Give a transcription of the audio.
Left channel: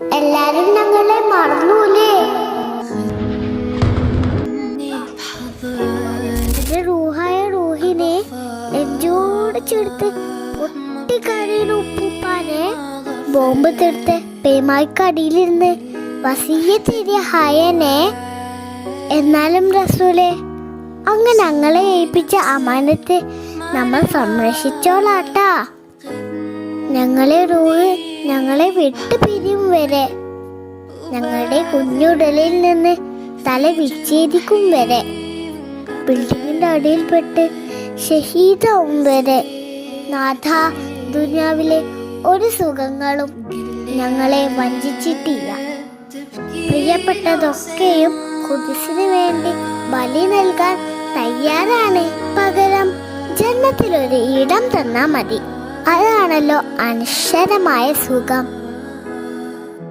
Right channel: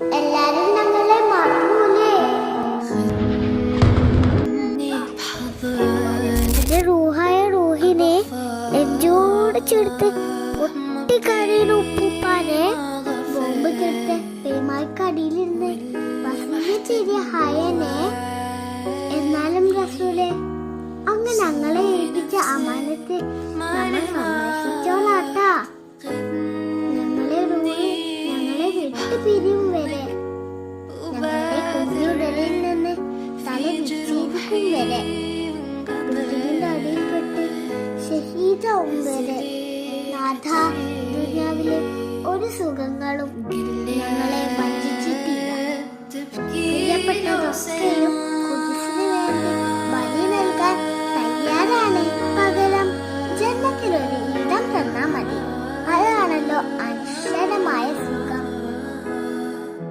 എല്ലാരും ഞങ്ങളെ മറന്നൂലേ? എന്റെ റൂഹായ റൂഹിനെ നെഞ്ചോട് ചേർത്ത് പൊട്ടിക്കരയുന്ന ഉപ്പൂപ്പാനെ ബോംബ് തീർത്ത് പേമായ്ക്കടിയിലിരുന്ന് വസീയത്തിരിയ ഹയനെ. എന്നാലും റസൂലെ, അങ്ങ് ഞങ്ങളെ ഏൽപ്പിച്ച അമാനത്ത് നമ്മൾ സംരക്ഷിച്ചോളാട്ടാ. ഞങ്ങളെ റൂഹ് ഞങ്ങളെ വിട്ടു പിരിയും വരെ, ഞങ്ങളുടെ കുഞ്ഞുടലിൽ നിന്ന് തല വിച്ഛേദിക്കും വരെ, ബിൽഡിങ്ങിന്റെ അടിയിൽപ്പെട്ട് ഷഹീദാവും വരെ നാഥ, ദുനിയാവിലെ ഒരു സുഖങ്ങളും ഞങ്ങളെ വഞ്ചിച്ചിട്ടില്ല. പ്രിയപ്പെട്ടതൊക്കെയും ഖുദ്സിന് വേണ്ടി ബലി നൽകാൻ തയ്യാറാണ്. പകരം ജന്നത്തിലൊരു ഇടം തന്നാ മതി. അതാണല്ലോ അനശ്വരമായ സുഖം.